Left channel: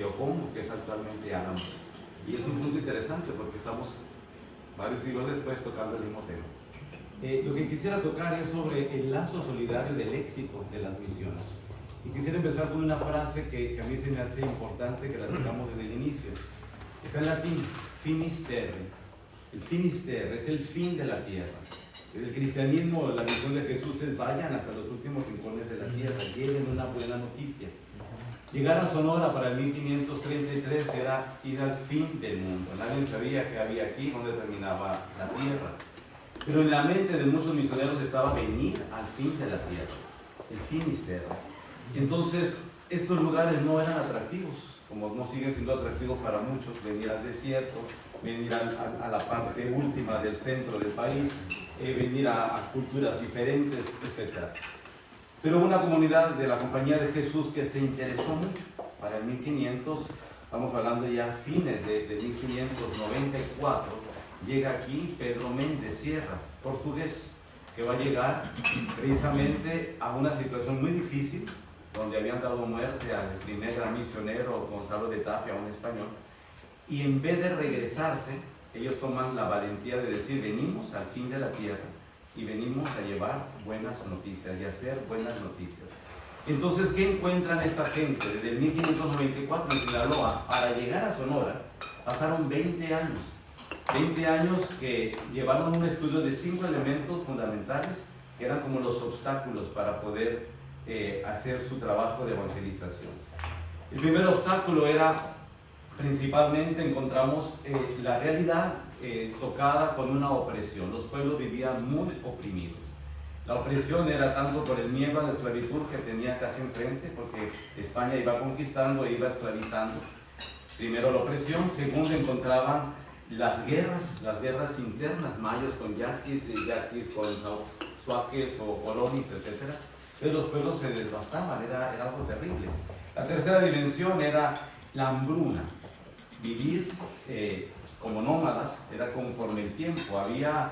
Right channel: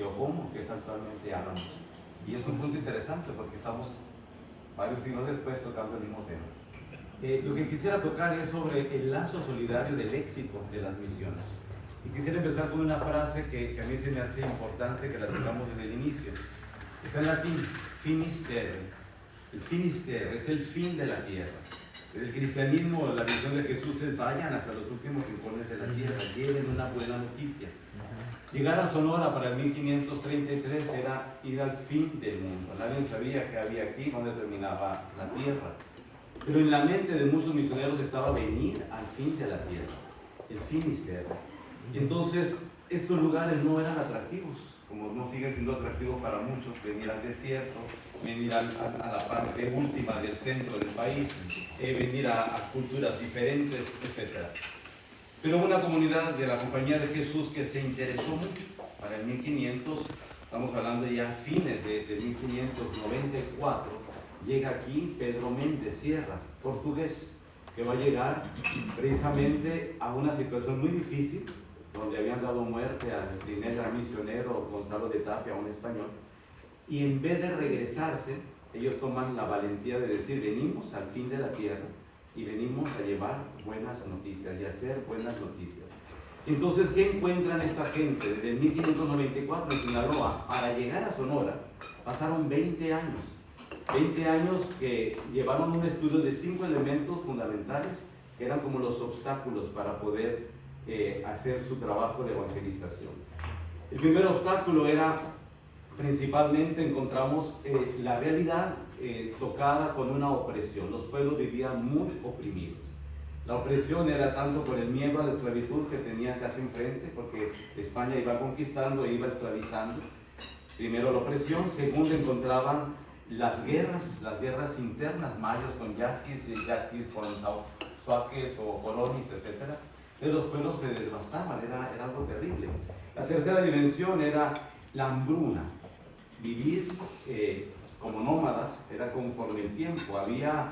Geocomo, que es actualmente Álamo. Y es un punto interesante porque estamos varios siglos después tocando el mismo tema. Lo que quisiera tocar es sobre el lazo solidario del éxito de las misiones. Y quisiera empezar con una frase que a mí se me hace importante que la tengamos en el inicio. Está en latín, finis terrae. El finis terrae es el fin de la tierra. El cristianismo, la visión de Jesús es: vayan hasta los últimos rincones de la tierra, lleven una buena noticia. Llegar a Sonora para el 1533 era ir al fin del mundo. Nadie sabía qué había aquí, dónde terminaba la tierra. Pero en la mente de muchos misioneros estaba venir al fin de la tierra, el finis terrae. Y entonces estos lugares no eran atractivos, como no siguen siendo atractivos para muchos: venir al desierto, venir a la parte última del centro del país, venir a culturas diferentes, etc. Pero una comunidad de la Compañía de Jesús que se interesó mucho para el 1500, estamos hablando ya fines de 1594, llega aquí Pedro Méndez Sierra, portugués, que va a llegar precisamente a una situación muy difícil, donde habían dado muerte al primer gran misionero Gonzalo de Tapia, un español, y en vez de regresarse, ellos toman la valentía de decir: venimos al fin de la tierra y venimos a llevar buenas noticias y hacer buenas noticias. Entonces, ¿qué encuentran esta gente? Desde el 1594 en Sinaloa para llegar a Sonora pasaron 20 años. 20 años que llevaron un estudio de 5 elementos fundamentales que eran como los obstáculos para poder hacer su trabajo de evangelización. El primer obstáculo era, principalmente, encontramos la realidad tocada con una opresión. Los pueblos vivían muy oprimidos. La opresión era tanto por el miedo a la esclavitud que tenían casi enfrente, porque España iba conquistando e iba esclavizando. Primero la opresión. Segundo, encontraban las guerras internas, mayos con yaquis y yaquis con suaques o colonis, etc. Entonces los pueblos se devastaban, era algo terrible. La tercera dimensión era la hambruna. Vivir como nómadas era conforme el tiempo. Había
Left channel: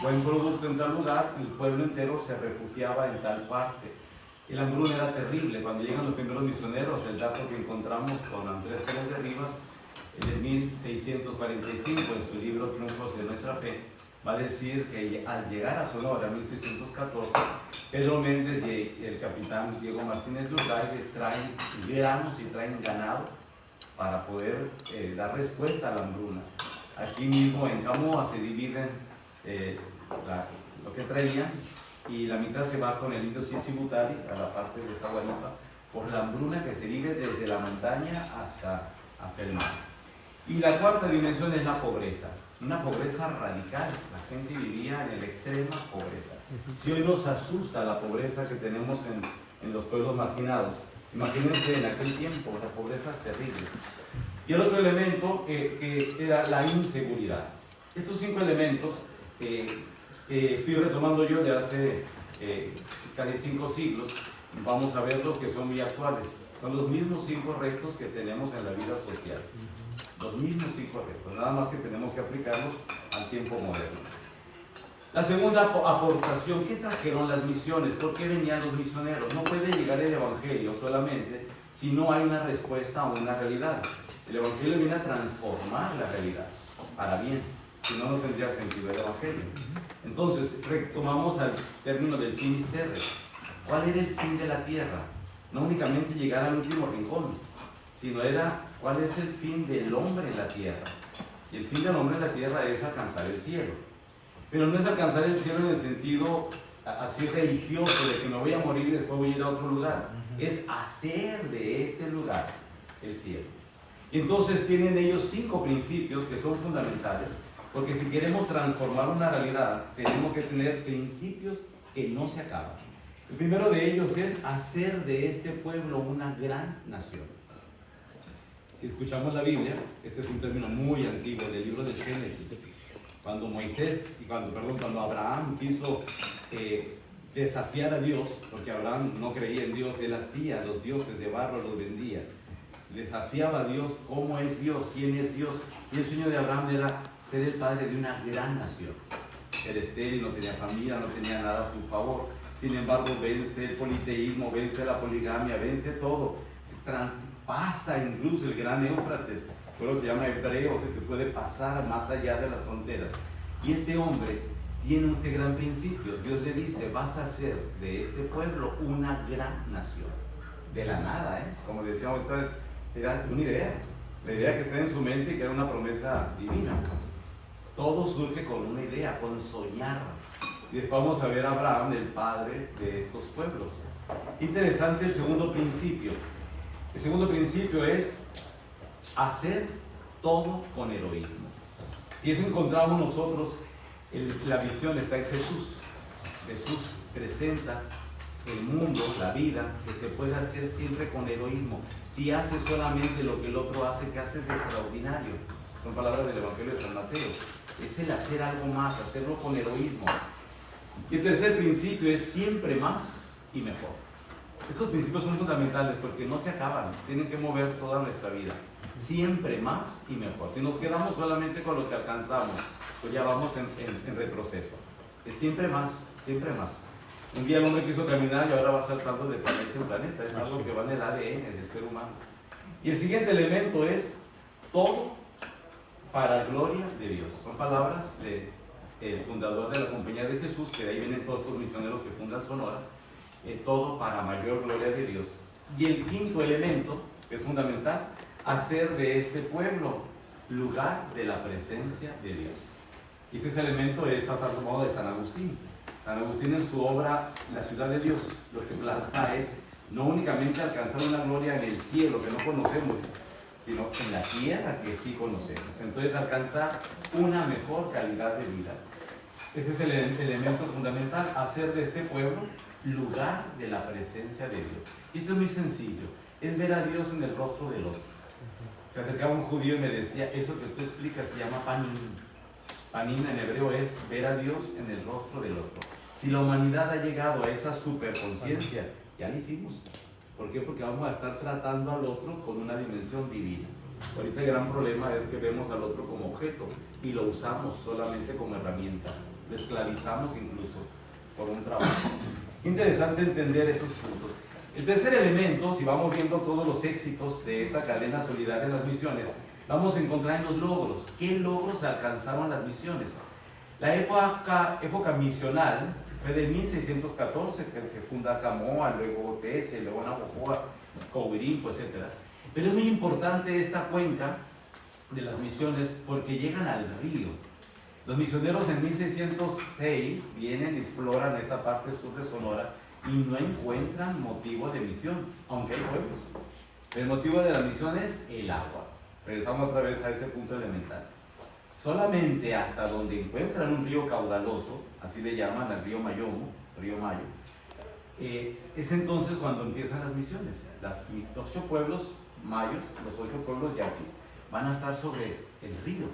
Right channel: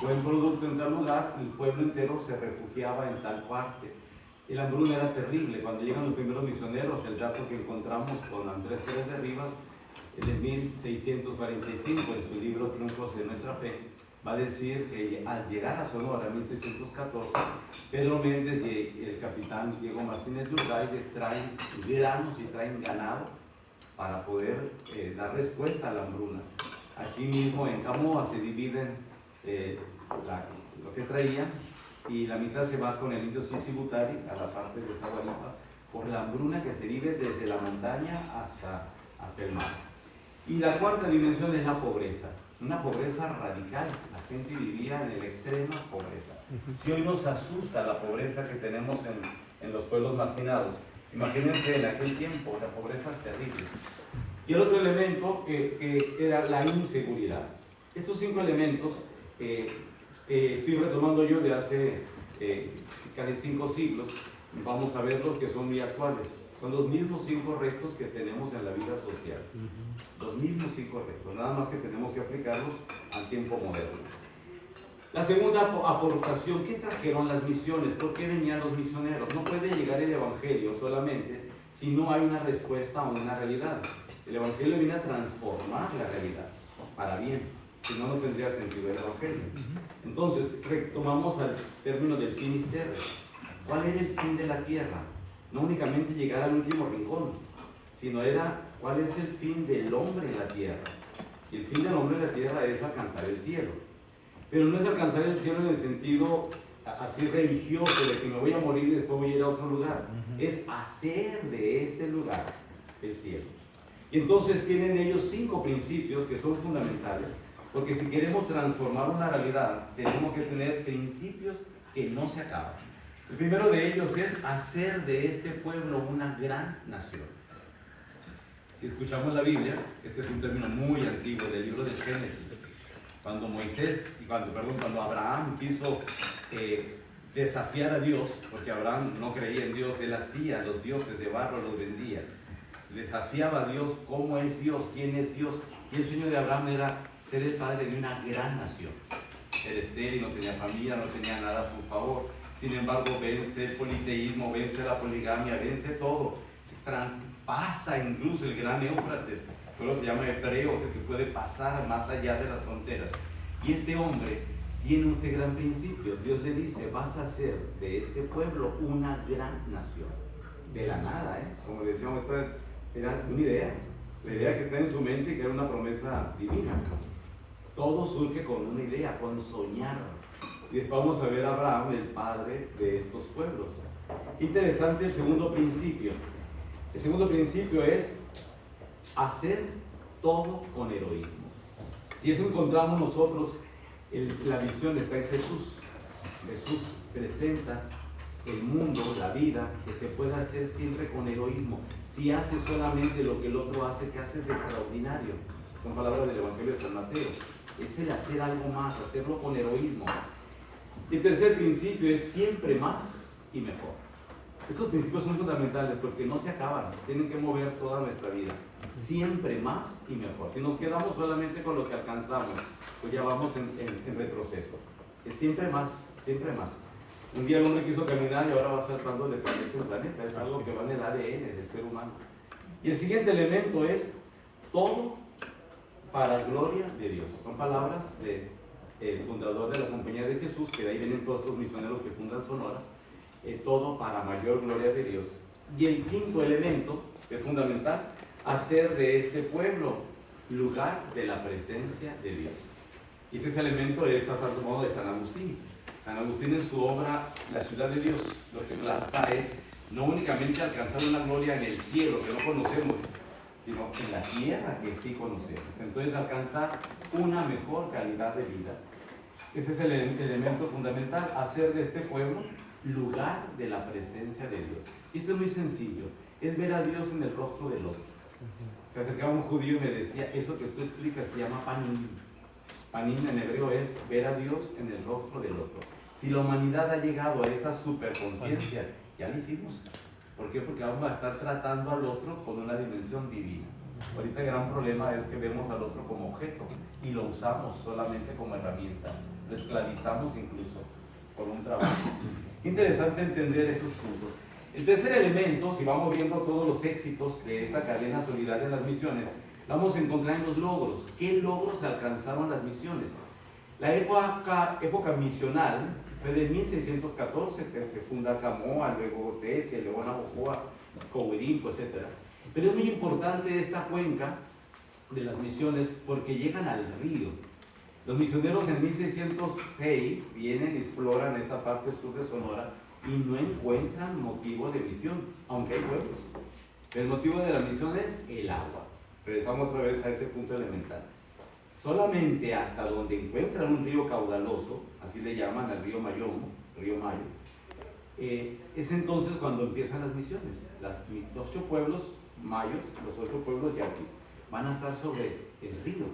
buen producto en tal lugar, el pueblo entero se refugiaba en tal parte. El hambruna era terrible. Cuando llegan los primeros misioneros, el dato que encontramos con Andrés Pérez de Rivas, en 1645, en su libro Triunfos de Nuestra Fe, va a decir que al llegar a Sonora en 1614, Pedro Méndez y el capitán Diego Martínez Lurralde traen granos y traen ganado para poder dar respuesta a la hambruna. Aquí mismo en Camoa se dividen lo que traían, y la mitad se va con el indio Sisibutari a la parte de Zaguaripa por la hambruna que se vive desde la montaña hasta el mar. Y la cuarta dimensión es la pobreza, una pobreza radical. La gente vivía en la extrema pobreza. Si hoy nos asusta la pobreza que tenemos en los pueblos marginados, imagínense en aquel tiempo, la pobreza es terrible. Y el otro elemento que era la inseguridad. Estos 5 elementos estoy retomando yo de hace casi 5 siglos, vamos a verlos que son muy actuales. Son los mismos 5 retos que tenemos en la vida social. Los mismos 5 retos, nada más que tenemos que aplicarlos al tiempo moderno. La segunda aportación: ¿qué trajeron las misiones? ¿Por qué venían los misioneros? No puede llegar el evangelio solamente si no hay una respuesta a una realidad. El evangelio viene a transformar la realidad para bien, si no, no tendría sentido el evangelio. Entonces, retomamos al término del finis terrae. ¿Cuál era el fin de la tierra? No únicamente llegar al último rincón, sino era cuál es el fin del hombre en la tierra. Y el fin del hombre en la tierra es alcanzar el cielo. Pero no es alcanzar el cielo en el sentido así religioso de que me voy a morir y después voy a ir a otro lugar. Es hacer de este lugar el cielo. Y entonces tienen ellos 5 principios que son fundamentales, porque si queremos transformar una realidad, tenemos que tener principios que no se acaban. El primero de ellos es hacer de este pueblo una gran nación. Si escuchamos la Biblia, este es un término muy antiguo del libro de Génesis, cuando cuando Abraham quiso desafiar a Dios, porque Abraham no creía en Dios, él hacía los dioses de barro, los vendía, desafiaba a Dios: ¿cómo es Dios? ¿Quién es Dios? Y el sueño de Abraham era ser el padre de una gran nación. Era estéril, no tenía familia, no tenía nada a su favor. Sin embargo, vence el politeísmo, vence la poligamia, vence todo. pasa incluso el gran Éufrates, pero se llama hebreo, o sea, que puede pasar más allá de las fronteras. Y este hombre tiene este gran principio. Dios le dice, vas a hacer de este pueblo una gran nación. De la nada, como decíamos, era una idea. La idea que está en su mente y que era una promesa divina. Todo surge con una idea, con soñar. Y después vamos a ver a Abraham, el padre de estos pueblos. Interesante el segundo principio. El segundo principio es hacer todo con heroísmo. Si eso encontramos nosotros, la visión está en Jesús. Jesús presenta el mundo, la vida, que se puede hacer siempre con heroísmo. Si haces solamente lo que el otro hace, ¿qué haces de extraordinario? Son palabras del Evangelio de San Mateo. Es el hacer algo más, hacerlo con heroísmo. Y el tercer principio es siempre más y mejor. Estos principios son fundamentales porque no se acaban, tienen que mover toda nuestra vida. Siempre más y mejor. Si nos quedamos solamente con lo que alcanzamos, pues ya vamos en retroceso. Es siempre más, siempre más. Un día el hombre quiso caminar y ahora va saltando de planeta en planeta. Es algo que va en el ADN del ser humano. Y el siguiente elemento es todo para gloria de Dios. Son palabras del fundador de la Compañía de Jesús, que de ahí vienen todos estos misioneros que fundan Sonora. Todo para mayor gloria de Dios. Y el quinto elemento, que es fundamental, hacer de este pueblo lugar de la presencia de Dios. Y ese elemento es tomado de San Agustín. San Agustín en su obra La ciudad de Dios, lo que plasma es no únicamente alcanzar una gloria en el cielo que no conocemos, sino en la tierra que sí conocemos. Entonces alcanzar una mejor calidad de vida. Ese es el elemento fundamental, hacer de este pueblo lugar de la presencia de Dios. Y esto es muy sencillo, es ver a Dios en el rostro del otro. Se acercaba un judío y me decía, eso que tú explicas se llama panim. Panim en hebreo es ver a Dios en el rostro del otro. Si la humanidad ha llegado a esa superconciencia, ya lo hicimos. ¿Por qué? Porque vamos a estar tratando al otro con una dimensión divina. Ahorita el gran problema es que vemos al otro como objeto y lo usamos solamente como herramienta. Lo esclavizamos incluso por un trabajo. Interesante entender esos puntos. El tercer elemento, si vamos viendo todos los éxitos de esta cadena solidaria en las misiones, vamos a encontrar en los logros. ¿Qué logros alcanzaron las misiones? La época misional fue de 1614, que se funda Camoa, luego Tesia, luego Navojoa, Coahuirimpo, etc. Pero es muy importante esta cuenca de las misiones porque llegan al río. Los misioneros en 1606 vienen y exploran esta parte sur de Sonora y no encuentran motivo de misión, aunque hay pueblos. El motivo de la misión es el agua. Regresamos otra vez a ese punto elemental. Solamente hasta donde encuentran un río caudaloso, así le llaman al río Mayomo, río Mayo, es entonces cuando empiezan las misiones. Los 8 pueblos mayos, los 8 pueblos yaquis, van a estar sobre el río.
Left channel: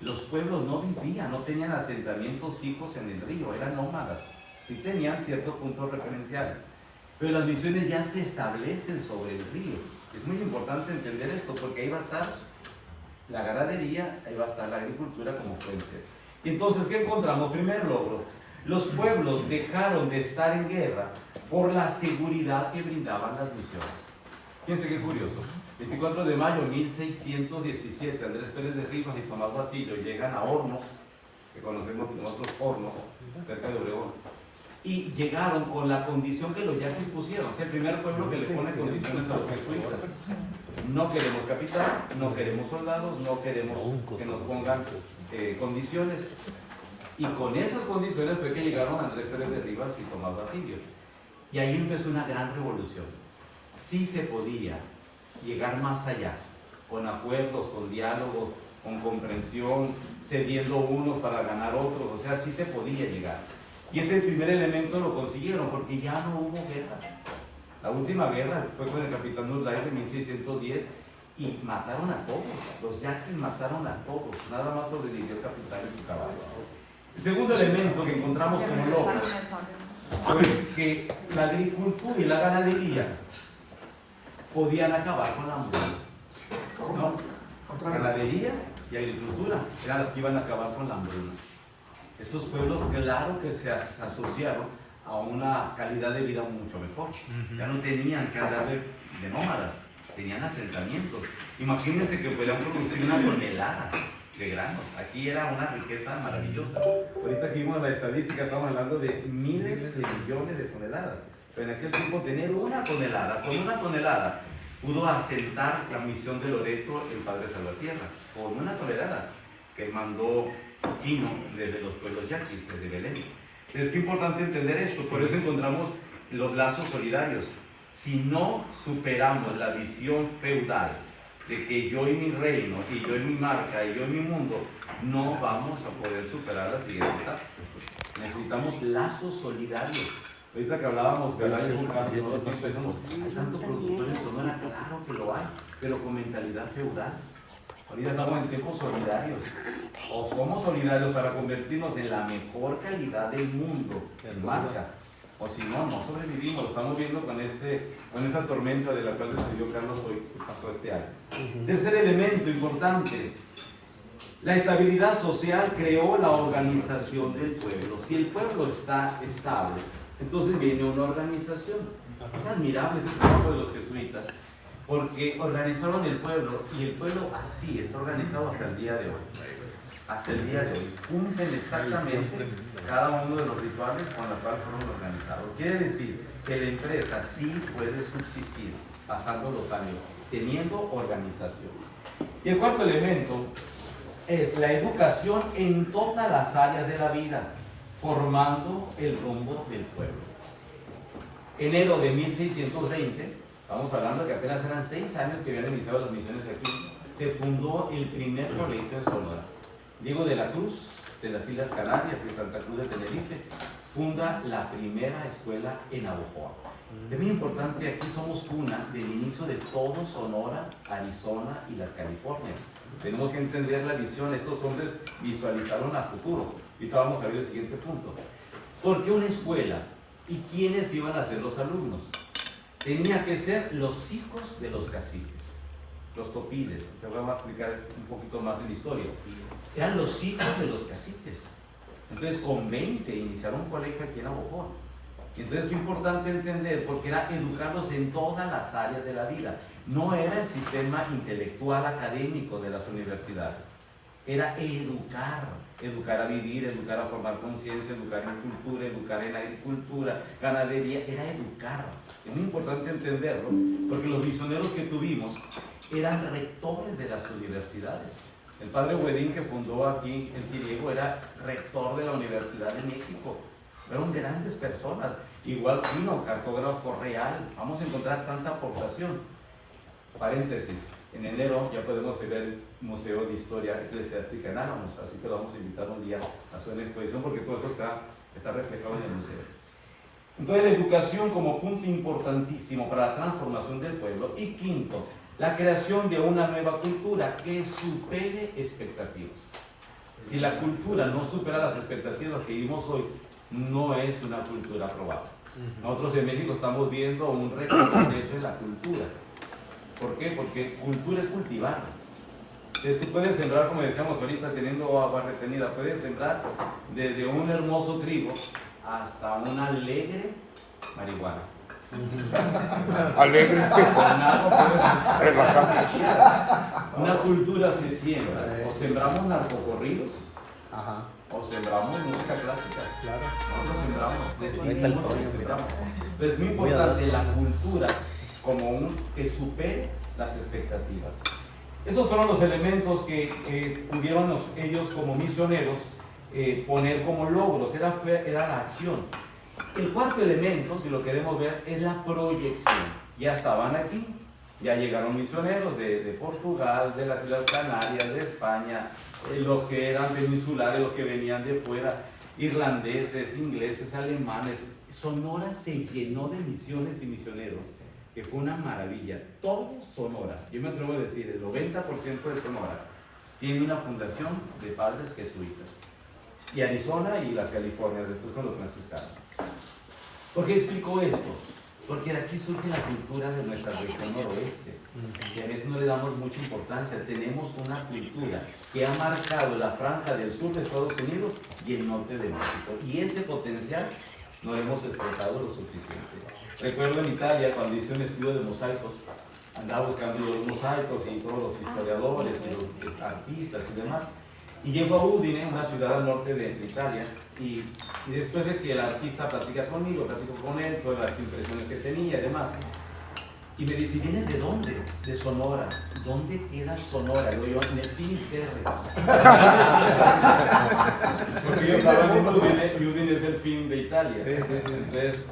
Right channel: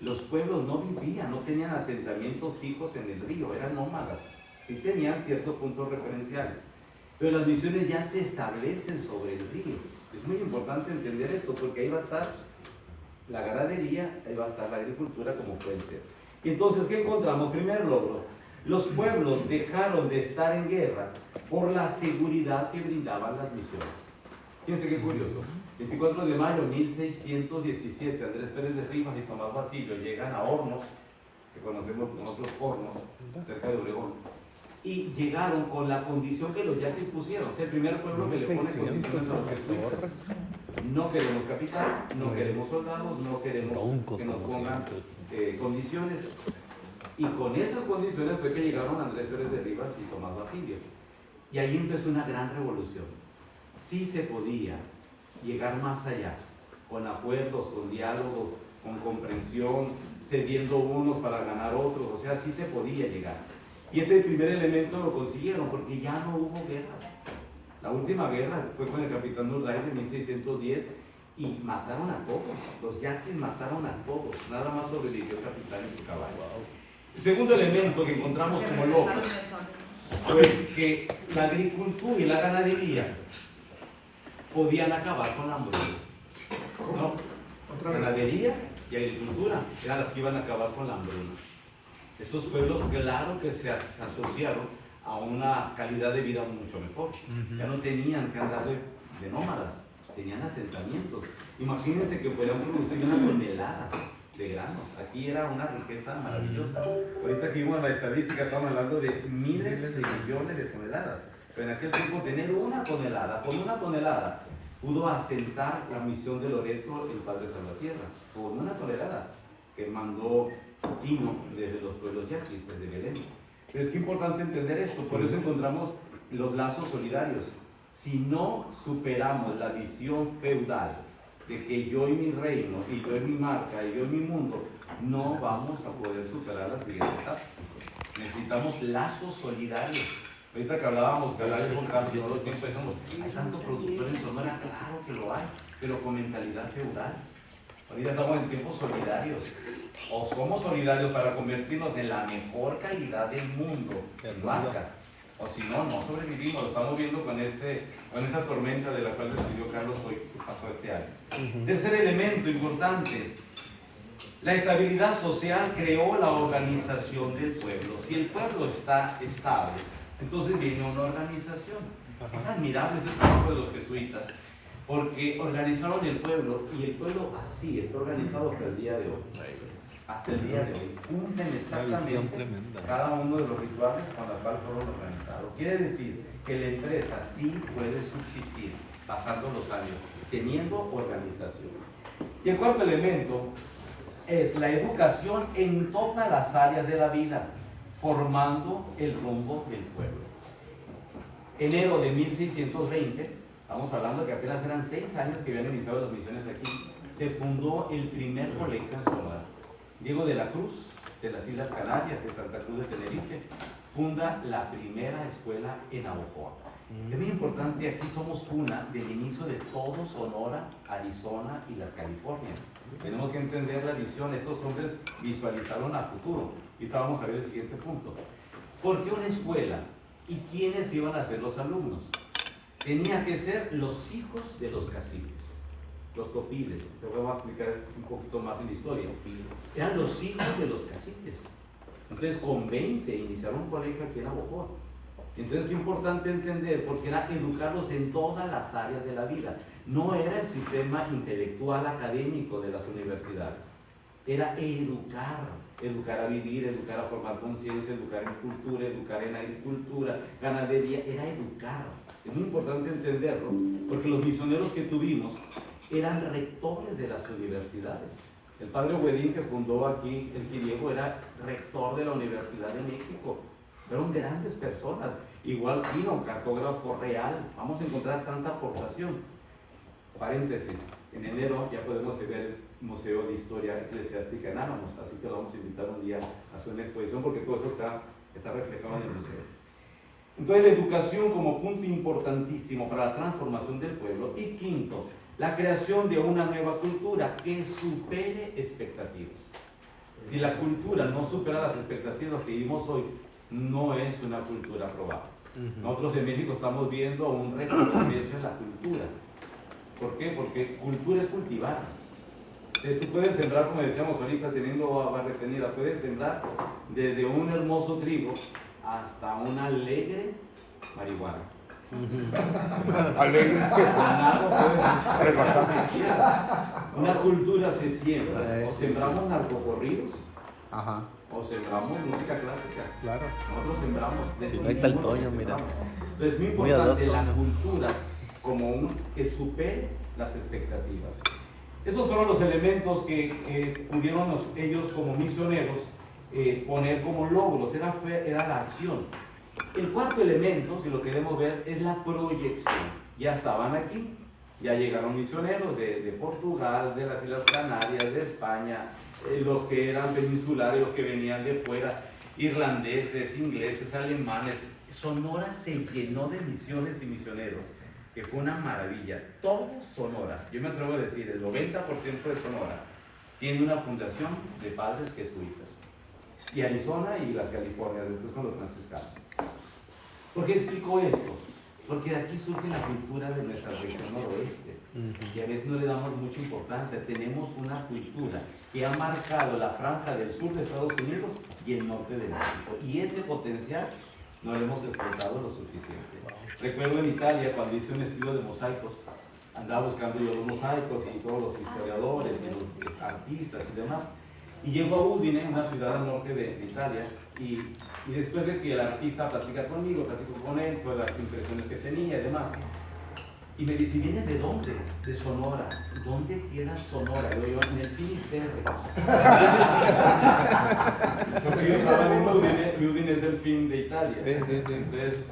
Los pueblos no vivían, no tenían asentamientos fijos en el río, eran nómadas. Sí tenían ciertos puntos referenciales, pero las misiones ya se establecen sobre el río. Es muy importante entender esto porque ahí va a estar la ganadería, ahí va a estar la agricultura como fuente. Y entonces, ¿qué encontramos? Primer logro, los pueblos dejaron de estar en guerra por la seguridad que brindaban las misiones. Fíjense qué curioso. 24 de mayo de 1617, Andrés Pérez de Rivas y Tomás Basilio llegan a Hornos, que conocemos nosotros Hornos, cerca de Obregón, y llegaron con la condición que los yaquis pusieron. Es el primer pueblo que le pone condiciones a los jesuitas. No queremos capitán, no queremos soldados, no queremos que nos pongan condiciones. Y con esas condiciones fue que llegaron Andrés Pérez de Rivas y Tomás Basilio. Y ahí empezó una gran revolución. Sí se podía llegar más allá, con acuerdos, con diálogos, con comprensión, cediendo unos para ganar otros, o sea, sí se podía llegar. Y este primer elemento lo consiguieron porque ya no hubo guerras. La última guerra fue con el capitán Urday de 1610 y mataron a todos, los yaquis mataron a todos, nada más sobrevivió el capitán y su caballo. El segundo elemento que encontramos como logro fue que la agricultura y la ganadería podían acabar con la hambruna. ¿No? Ganadería y agricultura eran las que iban a acabar con la hambruna. Estos pueblos, claro que se asociaron a una calidad de vida mucho mejor. Ya no tenían que andar de nómadas, tenían asentamientos. Imagínense que podían producir una tonelada de granos. Aquí era una riqueza maravillosa. Ahorita que vimos la estadística, estamos hablando de miles de millones de toneladas. Pero en aquel tiempo tener una tonelada, con una tonelada pudo asentar la misión de Loreto, el Padre Salvatierra, con una tonelada que mandó Quino desde los pueblos yaquis, desde Belén. Es que importante entender esto, por eso encontramos los lazos solidarios. Si no superamos la visión feudal de que yo y mi reino, y yo y mi marca, y yo y mi mundo, no vamos a poder superar la siguiente etapa. Necesitamos lazos solidarios. Ahorita que hablábamos, que hablaba con Carlos, ¿no? Pensamos, hay tanto productor en Sonora, claro que lo hay, pero con mentalidad feudal. Ahorita estamos en tiempos solidarios. O somos solidarios para convertirnos en la mejor calidad del mundo, en marca. O si no, no sobrevivimos. Lo estamos viendo con esta tormenta de la cual escribió Carlos hoy, que pasó este año. Tercer elemento importante. La estabilidad social creó la organización del pueblo. Si el pueblo está estable, entonces viene una organización. Es admirable ese trabajo de los jesuitas, porque organizaron el pueblo, y el pueblo así está organizado hasta el día de hoy. Hasta el día de hoy. Cumplen exactamente cada uno de los rituales con los cuales fueron organizados. Quiere decir que la empresa sí puede subsistir pasando los años, teniendo organización. Y el cuarto elemento es la educación en todas las áreas de la vida, formando el rumbo del pueblo. Enero de 1620, estamos hablando que apenas eran 6 años que habían iniciado las misiones aquí, se fundó el primer colegio en Sonora. Diego de la Cruz, de las Islas Canarias, de Santa Cruz de Tenerife, funda la primera escuela en Navojoa. Es muy importante, aquí somos cuna del inicio de todo Sonora, Arizona y las Californias. Tenemos que entender la visión. Estos hombres visualizaron a futuro. Ahorita vamos a ver el siguiente punto. ¿Por qué una escuela? ¿Y quiénes iban a ser los alumnos? Tenía que ser los hijos de los caciques, los topiles. Te voy a explicar un poquito más en la historia. Eran los hijos de los caciques. Entonces, con 20 iniciaron un colegio aquí en Navojoa. Entonces, qué importante entender, porque era educarlos en todas las áreas de la vida. No era el sistema intelectual académico de las universidades. Era educar a vivir, educar a formar conciencia, educar en cultura, educar en agricultura, ganadería. Era educar. Es muy importante entenderlo, porque los misioneros que tuvimos eran rectores de las universidades. El padre Huedín, que fundó aquí el Quiriego, era rector de la Universidad de México. Fueron grandes personas. Igual Quino, cartógrafo real. Vamos a encontrar tanta aportación. Paréntesis, en enero ya podemos ver el Museo de Historia Eclesiástica en Álamos, así que lo vamos a invitar un día a hacer una exposición, porque todo eso está reflejado en el museo. Entonces, la educación como punto importantísimo para la transformación del pueblo. Y quinto, la creación de una nueva cultura que supere expectativas. Si la cultura no supera las expectativas que vivimos hoy, no es una cultura aprobada. Nosotros en México estamos viendo un retroceso en la cultura. ¿Por qué? Porque cultura es cultivar. Tú puedes sembrar, como decíamos ahorita, teniendo agua retenida, puedes sembrar desde un hermoso trigo hasta una alegre marihuana. Alegre. Una cultura se siembra. O sembramos narcocorridos, o sembramos música clásica. Claro. Nosotros sembramos, decidimos lo que sembramos. Pero es muy importante la cultura como que supere las expectativas. Esos fueron los elementos que pudieron ellos como misioneros poner como logros. Era la acción. El cuarto elemento, si lo queremos ver, es la proyección. Ya estaban aquí, ya llegaron misioneros de Portugal, de las Islas Canarias, de España, los que eran peninsulares, los que venían de fuera, irlandeses, ingleses, alemanes. Sonora se llenó de misiones y misioneros, que fue una maravilla. Todo Sonora, yo me atrevo a decir, el 90% de Sonora tiene una fundación de padres jesuitas. Y Arizona y las Californias, después con los franciscanos. ¿Por qué explico esto? Porque de aquí surge la cultura de nuestra región noroeste, que a veces no le damos mucha importancia. Tenemos una cultura que ha marcado la franja del sur de Estados Unidos y el norte de México. Y ese potencial no lo hemos explotado lo suficiente. Recuerdo en Italia, cuando hice un estudio de mosaicos, andaba buscando yo los mosaicos y todos los historiadores y los artistas y demás. Y llego a Udine, una ciudad al norte de Italia, y después de que el artista platica conmigo, platico con él sobre las impresiones que tenía y demás, y me dice, ¿vienes de dónde? De Sonora. ¿Dónde queda Sonora? Yo, en el Finisterre. Porque yo estaba en Udine, y Udine es el fin de Italia. Entonces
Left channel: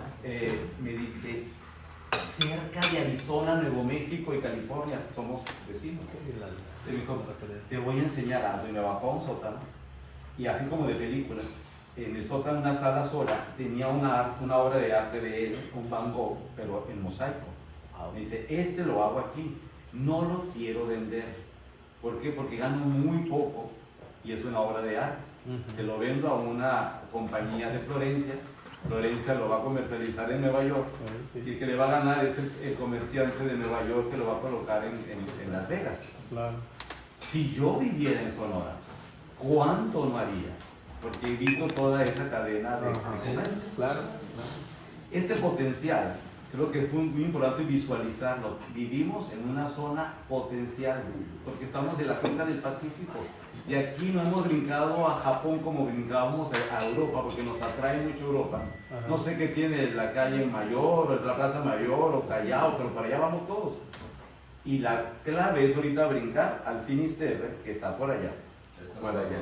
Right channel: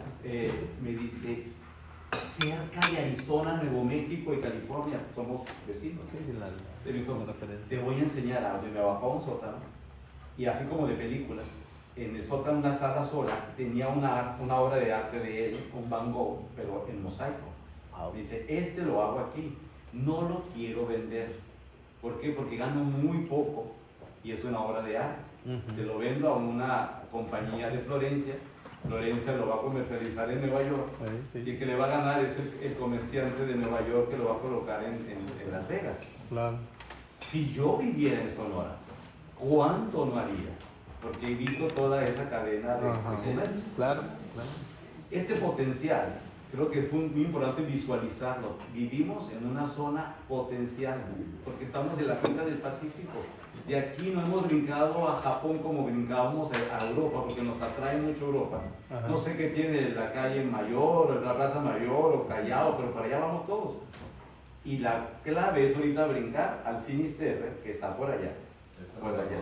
me dice, cerca de Arizona, Nuevo México y California, somos vecinos. Te dijo, te voy a enseñar algo. Y me bajó a un sótano, y así como de película, en el sótano, una sala sola, tenía una obra de arte de él, un Van Gogh, pero en mosaico. Me dice, este lo hago aquí, no lo quiero vender. ¿Por qué? Porque gano muy poco y es una obra de arte. Se lo vendo a una compañía de Florencia, Florencia lo va a comercializar en Nueva York, y el que le va a ganar es el comerciante de Nueva York, que lo va a colocar en Las Vegas. Claro. Si yo viviera en Sonora, ¿cuánto no haría? Porque evito toda esa cadena de comercio. Claro. Este potencial, creo que es muy importante visualizarlo. Vivimos en una zona potencial, porque estamos en la cuenca del Pacífico. Y aquí no hemos brincado a Japón como brincábamos a Europa, porque nos atrae mucho Europa. No sé qué tiene la calle Mayor, la Plaza Mayor o Callao, pero para allá vamos todos. Y la clave es ahorita brincar al Finisterre, que está por allá. Por allá.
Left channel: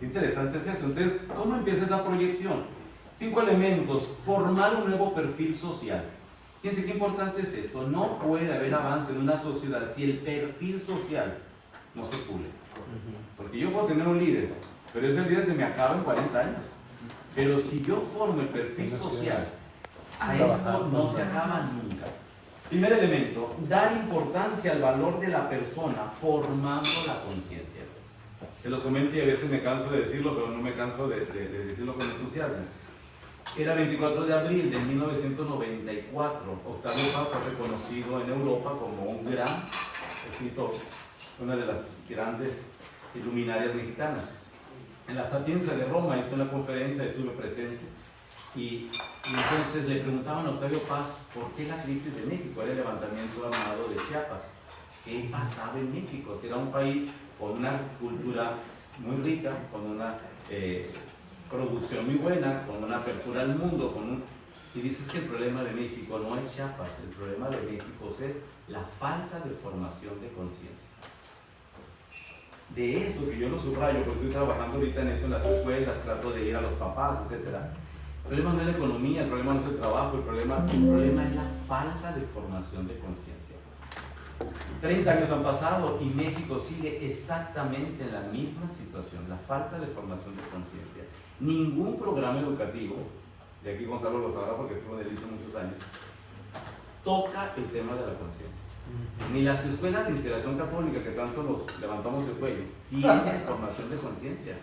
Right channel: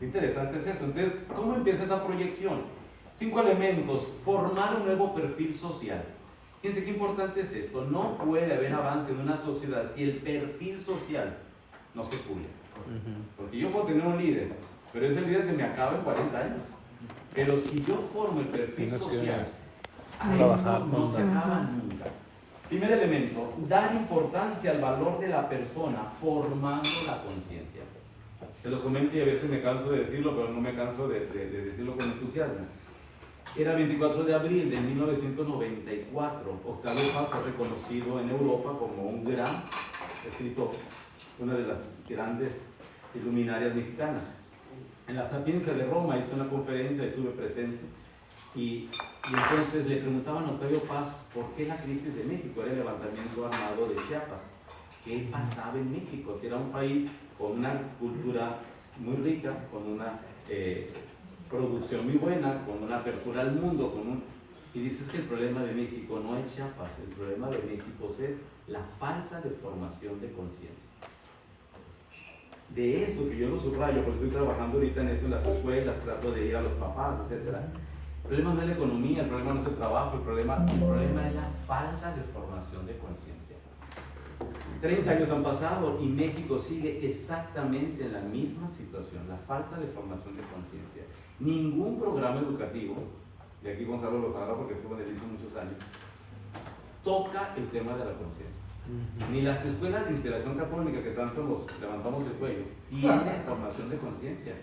Interesante es esto. Entonces, ¿cómo empieza esa proyección? 5 elementos. Formar un nuevo perfil social. Fíjense qué importante es esto. No puede haber avance en una sociedad si el perfil social no se pule. Porque yo puedo tener un líder, pero ese líder se me acaba en 40 años. Pero si yo formo el perfil social, a esto no se acaba nunca. Primer elemento, dar importancia al valor de la persona formando la conciencia. Te lo comento y a veces me canso de decirlo, pero no me canso de decirlo con entusiasmo. Era 24 de abril de 1994. Octavio Paz fue reconocido en Europa como un gran escritor, una de las grandes luminarias mexicanas. En la Sapienza de Roma hizo una conferencia, estuve presente, y entonces le preguntaban a Octavio Paz por qué la crisis de México, era el levantamiento armado de Chiapas. ¿Qué pasaba en México? Si era un país con una cultura muy rica, con una producción muy buena, con una apertura al mundo, y dices que el problema de México no es Chiapas, el problema de México es la falta de formación de conciencia. De eso que yo lo subrayo, porque estoy trabajando ahorita en esto en las escuelas, trato de ir a los papás, etc. El problema no es la economía, el problema no es el trabajo, el problema es la falta de formación de conciencia. 30 años han pasado y México sigue exactamente en la misma situación, la falta de formación de conciencia. Ningún programa educativo, y aquí Gonzalo lo sabrá porque estuvo en el ISO muchos años, toca el tema de la conciencia. Ni las escuelas de integración católica, que tanto nos levantamos el cuello, tienen formación de conciencia.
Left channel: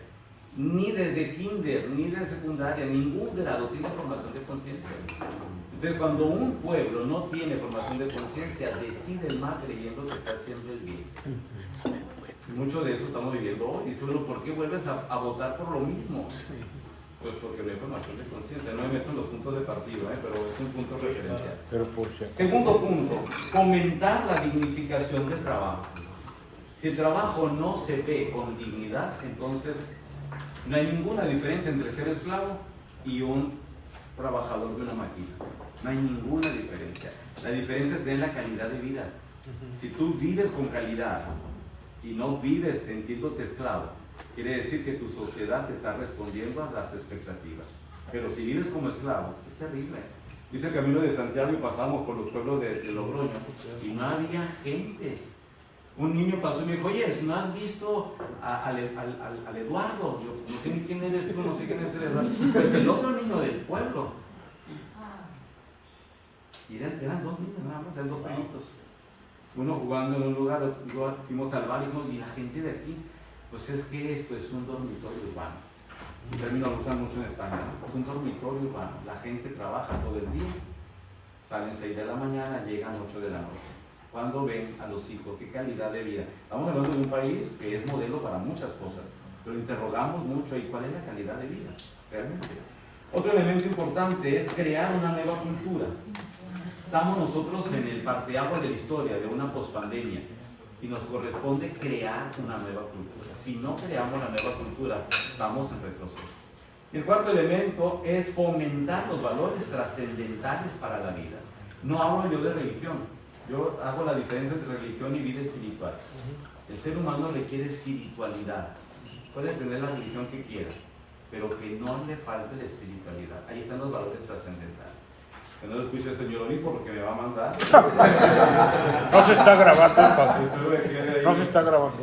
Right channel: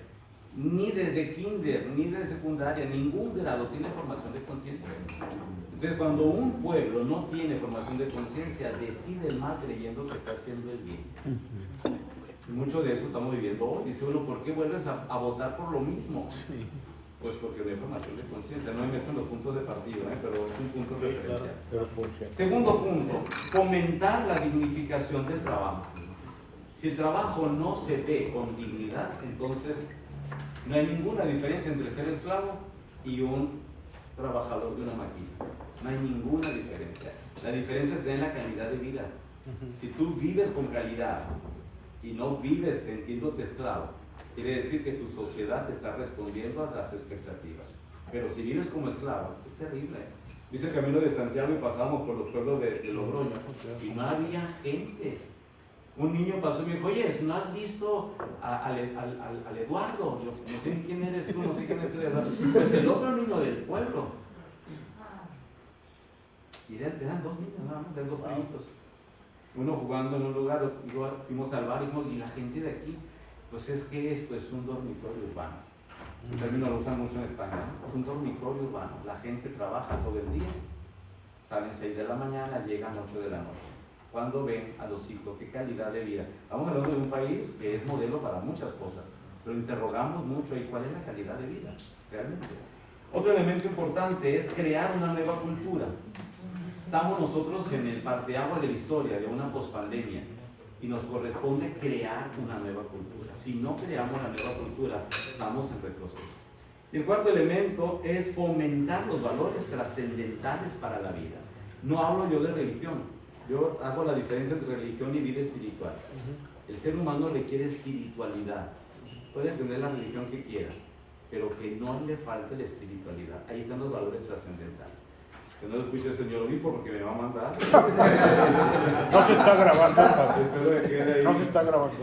Ni desde kinder, ni de secundaria, ningún grado tiene formación de conciencia. Entonces, cuando un pueblo no tiene formación de conciencia, decide el mal creyendo que está haciendo el bien. Y mucho de eso estamos viviendo hoy. Dice, bueno, ¿por qué vuelves a votar por lo mismo? Pues porque no hay formación de conciencia. No me meto en los puntos de partido, pero es un punto referencial. Segundo punto, fomentar la dignificación del trabajo. Si el trabajo no se ve con dignidad, entonces no hay ninguna diferencia entre ser esclavo y un trabajador de una máquina. No hay ninguna diferencia. La diferencia está en la calidad de vida. Si tú vives con calidad y no vives sintiéndote esclavo, quiere decir que tu sociedad te está respondiendo a las expectativas. Pero si vives como esclavo, es terrible. Dice el Camino de Santiago y pasamos por los pueblos de Logroño y no había gente. Un niño pasó y me dijo, oye, ¿no has visto al Eduardo? Yo no sé ni quién eres tú, no sé quién es el Eduardo. Pues el otro niño del pueblo. Y eran 2 niños nada más, eran 2 primitos. Uno jugando en un lugar, otro, fuimos al bar y la gente de aquí, pues es que esto es un dormitorio urbano. El término lo usan mucho en España, ¿no? Es un dormitorio urbano. La gente trabaja todo el día, salen 6 de la mañana, llegan 8 de la noche. Cuando ven a los hijos, qué calidad de vida. Estamos hablando de un país que es modelo para muchas cosas, pero interrogamos mucho, ¿y cuál es la calidad de vida? Realmente. Otro elemento importante es crear una nueva cultura. Estamos nosotros en el parteaguas de la historia, de una pospandemia, y nos corresponde crear una nueva cultura. Si no creamos la nueva cultura, estamos en retroceso. Y el cuarto elemento es fomentar los valores trascendentales para la vida. No hablo yo de religión, yo hago la diferencia entre religión y vida espiritual. El ser humano requiere espiritualidad. Puede tener la religión que quiera, pero que no le falte la espiritualidad. Ahí están los valores trascendentales. Que no lo escuche el señor obispo porque me va a mandar. No se está grabando, padre. No se está grabando.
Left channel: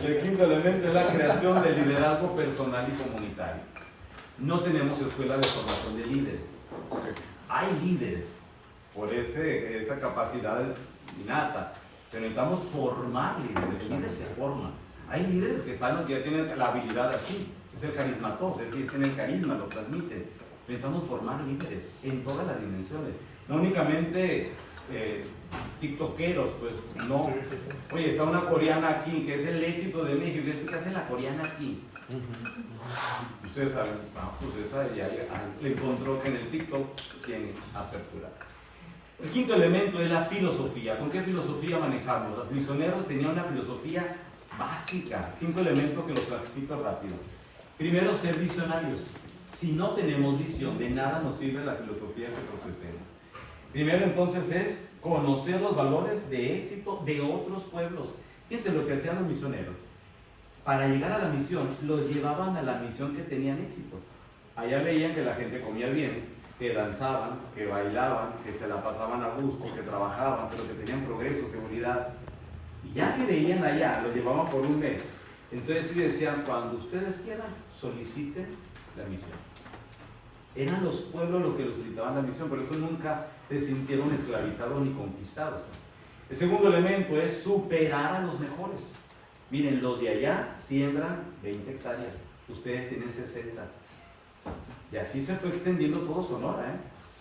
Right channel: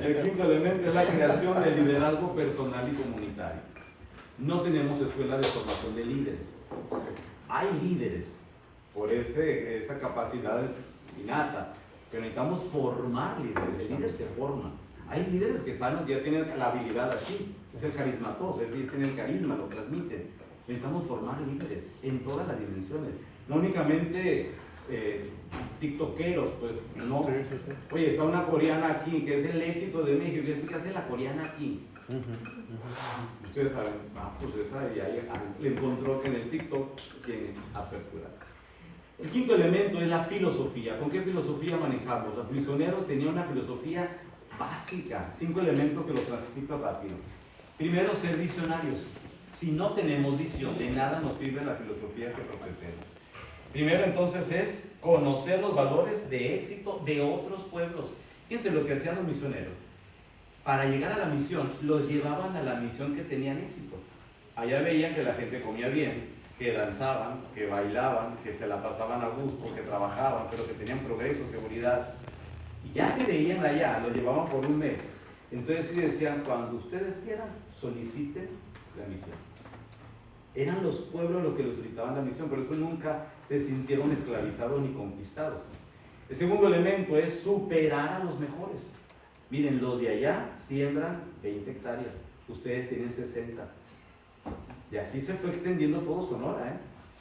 Y el quinto elemento es la creación del liderazgo personal y comunitario. No tenemos escuela de formación de líderes. Hay líderes por esa capacidad innata, pero necesitamos formar líderes. El líder se forma. Hay líderes que ya tienen la habilidad aquí, es el carismatos, es decir, tienen el carisma, lo transmiten. Necesitamos formar líderes en todas las dimensiones, no únicamente tiktokeros, pues no. Oye, está una coreana aquí, que es el éxito de México. ¿Qué hace la coreana aquí? Ustedes saben, pues esa ya le encontró que en el TikTok tiene apertura. El quinto elemento es la filosofía. ¿Con qué filosofía manejamos? Los misioneros tenían una filosofía básica, 5 elementos que los transmito rápido. Primero, ser visionarios. Si no tenemos visión, de nada nos sirve la filosofía que profesemos. Primero, entonces, es conocer los valores de éxito de otros pueblos. Fíjense lo que hacían los misioneros. Para llegar a la misión, los llevaban a la misión que tenían éxito. Allá veían que la gente comía bien, que danzaban, que bailaban, que se la pasaban a gusto, que trabajaban, pero que tenían progreso, seguridad. Y ya que veían allá, los llevaban por un mes. Entonces sí decían, cuando ustedes quieran, soliciten la misión. Eran los pueblos los que los solicitaban la misión, por eso nunca se sintieron esclavizados ni conquistados. El segundo elemento es superar a los mejores. Miren, los de allá siembran 20 hectáreas, ustedes tienen 60. Y así se fue extendiendo todo Sonora,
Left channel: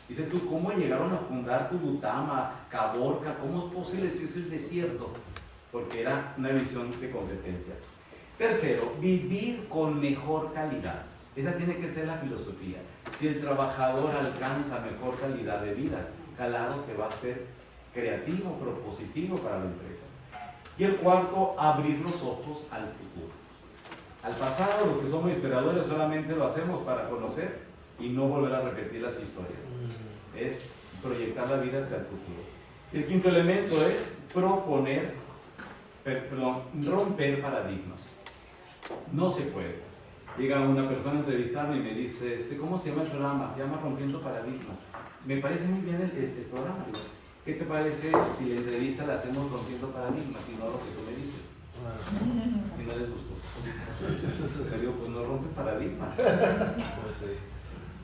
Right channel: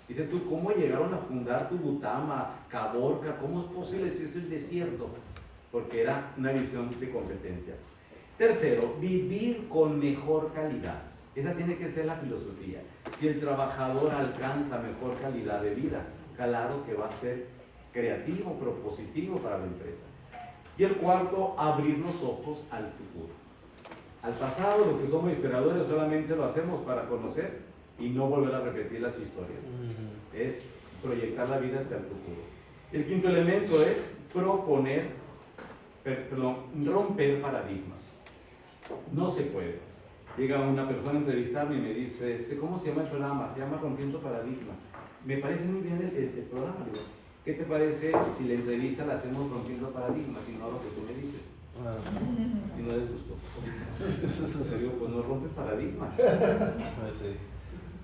Dices tú, ¿cómo llegaron a fundar Tubutama, Caborca? ¿Cómo es posible si es el desierto? Porque era una visión de competencia. Tercero, vivir con mejor calidad. Esa tiene que ser la filosofía. Si el trabajador alcanza mejor calidad de vida, claro que va a ser creativo, propositivo para la empresa. Y el cuarto, abrir los ojos al futuro. Al pasado, los que somos historiadores solamente lo hacemos para conocer y no volver a repetir las historias. Es proyectar la vida hacia el futuro. El quinto elemento es romper paradigmas. No se puede. Llega una persona a entrevistarme y me dice, ¿cómo se llama el programa? Se llama Rompiendo Paradigmas. Me parece muy bien el programa. Digo, ¿qué te parece si la entrevista la hacemos Rompiendo Paradigmas y no lo que tú me dices? Y no les gustó. Pues no rompes paradigmas.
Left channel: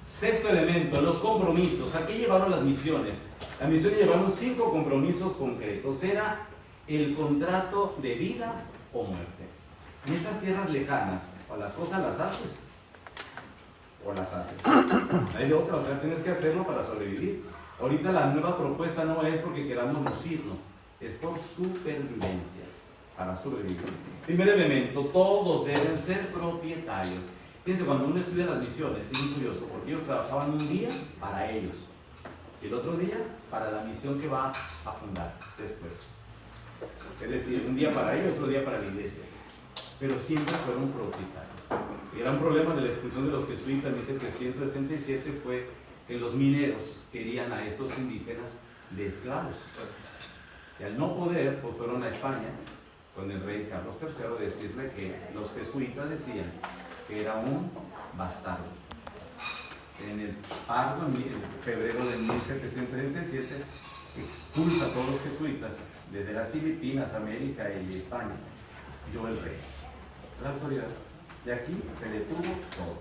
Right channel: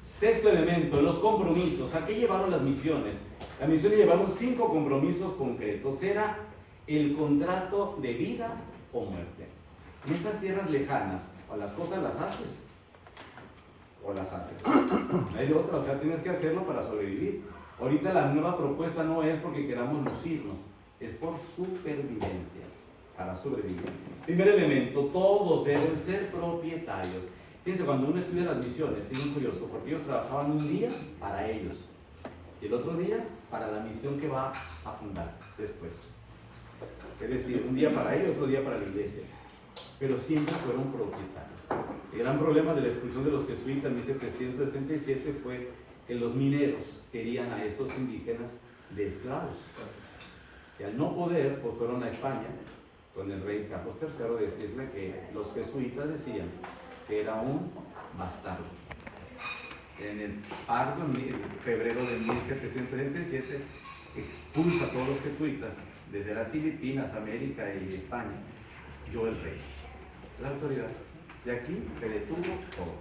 Sexto elemento, los compromisos. ¿A qué llevaron las misiones? Las misiones llevaron 5 compromisos concretos. Era el contrato de vida o muerte. En estas tierras lejanas, o las cosas las haces, o las haces. No hay de otra, o sea, tienes que hacerlo para sobrevivir. Ahorita la nueva propuesta no es porque queramos lucirnos, es por supervivencia, para sobrevivir. Primer elemento, todos deben ser propietarios. Fíjense, cuando uno estudia las misiones, es muy curioso, porque ellos trabajaban un día para ellos, y el otro día para la misión que va a fundar después. Es decir, un día para ellos, otro día para la iglesia. Pero siempre fueron propietarios. El gran problema de la expulsión de los jesuitas en 1767 fue que los mineros querían a estos indígenas de esclavos. Y al no poder, pues fueron a España con el rey Carlos III a decirle que los jesuitas decían que era un bastardo. En el pardo, en febrero de 1767, expulsa a todos los jesuitas desde las Filipinas, América y España. Yo el rey, la autoridad. De aquí se detuvo todo.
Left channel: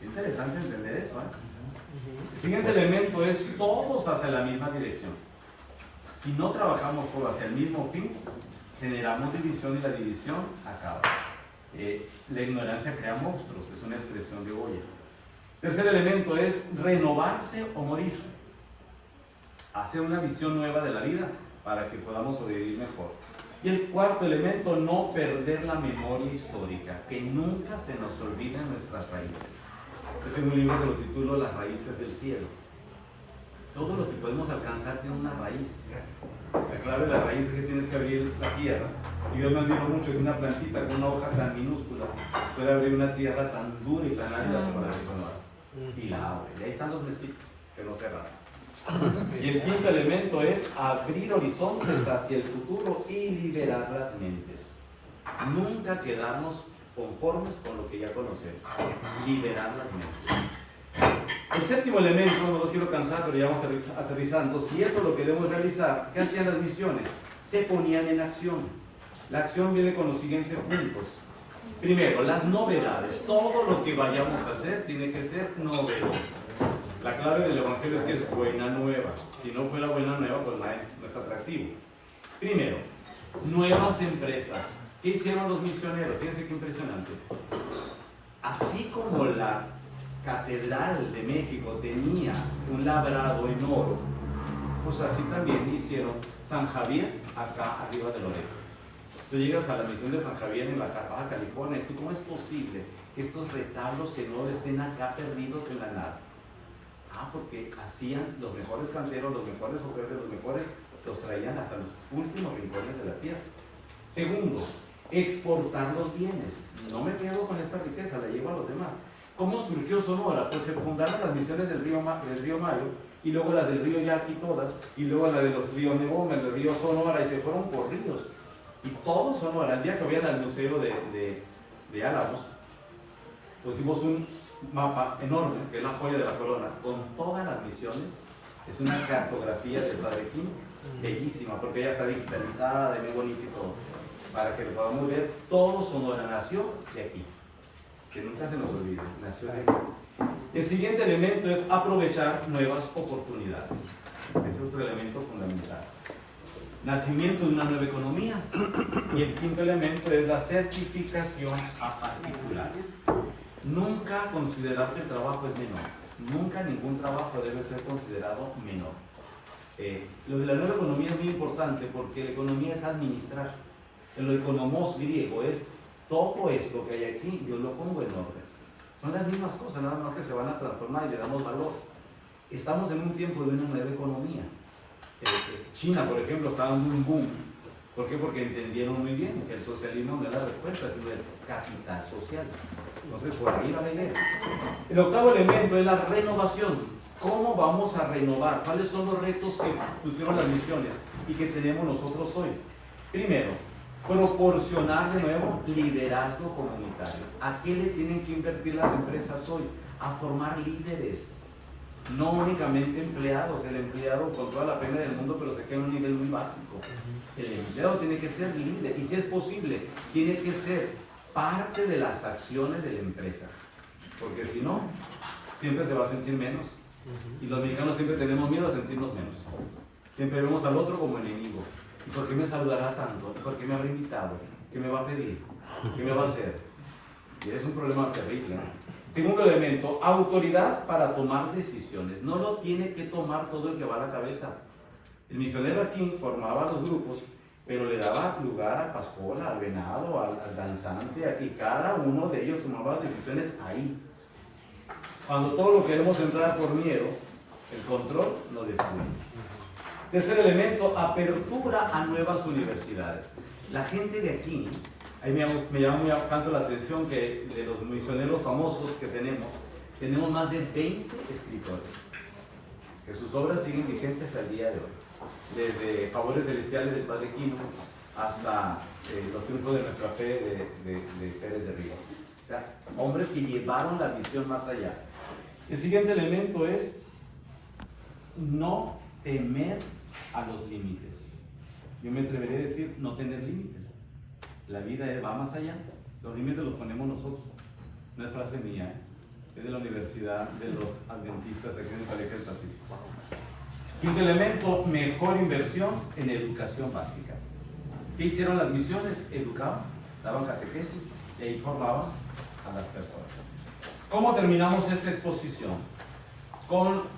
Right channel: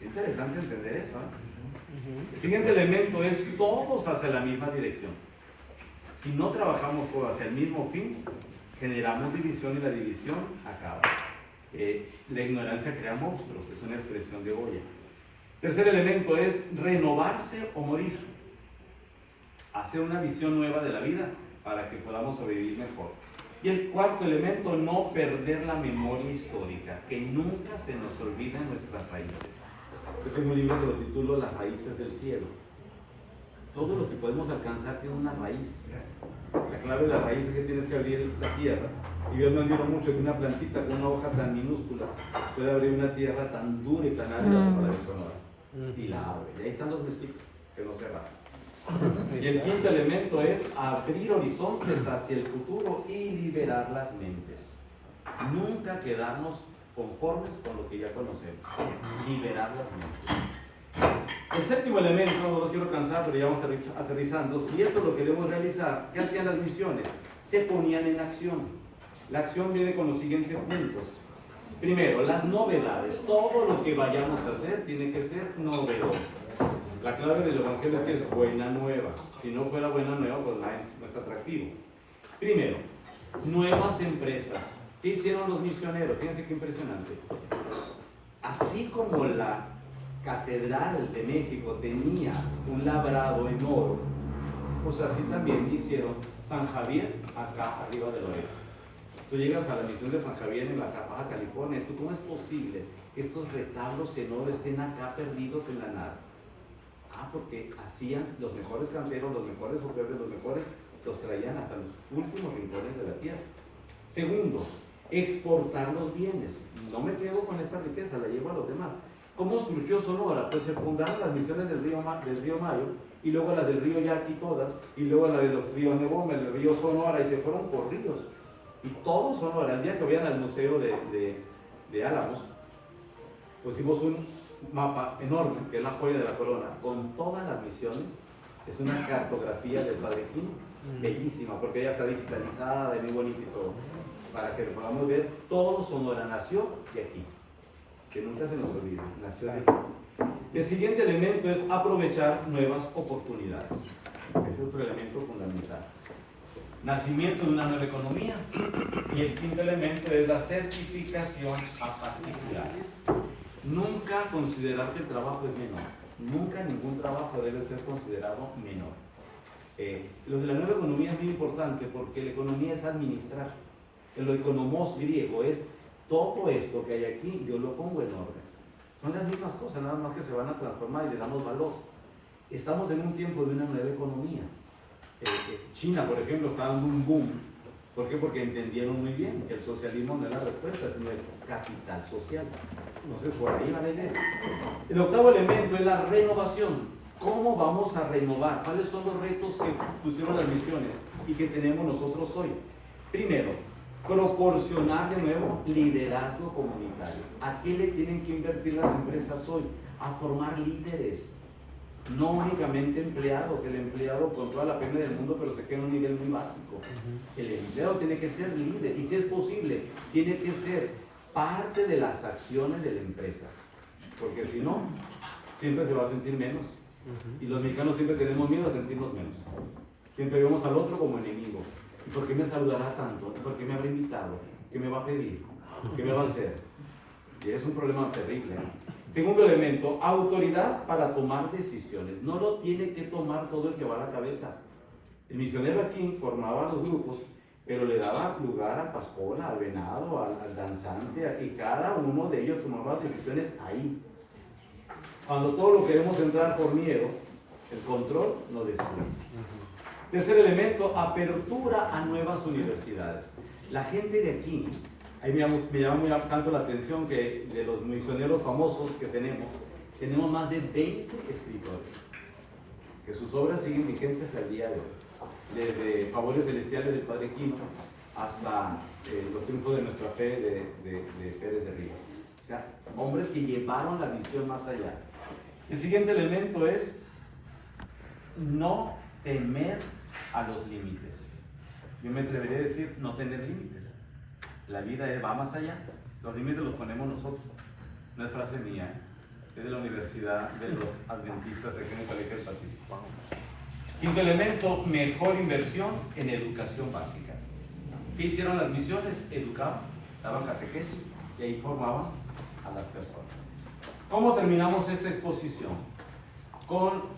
Es interesante entender eso. El siguiente elemento es todos hacia la misma dirección. Si no trabajamos todos hacia el mismo fin, generamos división y la división acaba. La ignorancia crea monstruos, es una expresión de Goya. Tercer elemento es renovarse o morir. Hacer una visión nueva de la vida para que podamos sobrevivir mejor. Y el cuarto elemento, no perder la memoria histórica, que nunca se nos olviden nuestras raíces. Yo tengo un libro que lo titulo Las raíces del cielo. Todo lo que podemos alcanzar tiene una raíz. La clave de la raíz es que tienes que abrir la tierra. Y yo me admiro mucho que una plantita con una hoja tan minúscula puede abrir una tierra tan dura y tan árida como la de Sonora. Y la abre. Y ahí están los mezquitos, que no cerraron. Y el quinto elemento es abrir horizontes hacia el futuro y liberar las mentes. Nunca quedarnos conformes con lo que ya conocemos. Liberar las mentes. El séptimo elemento, no lo quiero cansar, pero ya vamos aterrizando. Si esto lo queremos realizar, ¿qué hacían las misiones? Se ponían en acción. La acción viene con los siguientes puntos. Primero, las novedades. Todo lo que vayamos a hacer tiene que ser novedoso. La clave del evangelio es que es buena nueva. Si no fuera buena nueva, pues no es atractivo. Primero, nuevas empresas. ¿Qué hicieron los misioneros? Fíjense qué impresionante. Así como la Catedral de México tenía un labrado en oro, pues así también hicieron San Javier acá arriba de Loreto. Tú llegas a la misión de San Javier en la Baja California, ¿tú cómo es posible que estos retablos en oro estén acá perdidos en la nada? Porque hacían los mejores canteros, los mejores ofertas, los traían hasta los últimos rincones de la tierra. Segundo, exportar los bienes. No me quedo con esta riqueza, la llevo a los demás. ¿Cómo surgió Sonora? Pues se fundaron las misiones del río Mayo, y luego las del río Yaqui todas, y luego las de los ríos Neboma, el río Sonora, y se fueron por ríos. Y todo Sonora, el día que vayan al museo de Álamos, pues hicimos un mapa enorme, que es la joya de la corona, con todas las misiones. Es una cartografía del Padre Quín, bellísima, porque ya está digitalizada, muy bonita y todo, para que lo podamos ver. Todo Sonora nació de aquí. Que nunca se nos olvide, nació de aquí. El siguiente elemento es aprovechar nuevas oportunidades. Ese es otro elemento fundamental. Nacimiento de una nueva economía. Y el quinto elemento es la certificación a particulares. Nunca considerar que el trabajo es menor. Nunca ningún trabajo debe ser considerado menor. Lo de la nueva economía es muy importante porque la economía es administrar. El economos griego es todo esto que hay aquí, yo lo pongo en orden. Son las mismas cosas, nada más que se van a transformar y le damos valor. Estamos en un tiempo de una nueva economía. China, por ejemplo, está en un boom. ¿Por qué? Porque entendieron muy bien que el socialismo no es la respuesta, sino el capital social. Entonces, por ahí va la idea. El octavo elemento es la renovación. ¿Cómo vamos a renovar? ¿Cuáles son los retos que pusieron las misiones y que tenemos nosotros hoy? Primero, proporcionar de nuevo liderazgo comunitario. ¿A qué le tienen que invertir las empresas hoy? A formar líderes. No únicamente empleados. El empleado, con toda la pena del mundo, pero se queda en un nivel muy básico. El empleado tiene que ser líder, y si es posible, tiene que ser parte de las acciones de la empresa, porque si no, siempre se va a sentir menos. Y los mexicanos siempre tenemos miedo a sentirnos menos. Siempre vemos al otro como enemigo. ¿Y por qué me saludará tanto? ¿Por qué me habrá invitado? ¿Qué me va a pedir? ¿Qué me va a hacer? Y es un problema terrible, ¿no? Segundo elemento, autoridad para tomar decisiones. No lo tiene que tomar todo el que va a la cabeza. El misionero aquí formaba los grupos, pero le daba lugar a Pascola, al venado, al danzante, y cada uno de ellos tomaba decisiones ahí. Cuando todo lo queremos entrar por miedo, el control nos destruye. Tercer elemento, apertura a nuevas universidades. La gente de aquí, ahí me llama muy tanto la atención que de los misioneros famosos que tenemos más de 20 escritores, que sus obras siguen vigentes al día de hoy. Desde Favores Celestiales del Padre Quino hasta Los Triunfos de Nuestra Fe de Pérez de Rivas. O sea, hombres que llevaron la misión más allá. El siguiente elemento es no temer a los límites. Yo me atrevería a decir no tener límites. La vida va más allá. Los límites los ponemos nosotros. No es frase mía, es de la Universidad de los Adventistas de aquí en el Colegio del Pacífico. Quinto elemento, mejor inversión en educación básica. ¿Qué hicieron las misiones? Educaban, daban catequesis y ahí formaban a las personas. ¿Cómo terminamos esta exposición? Con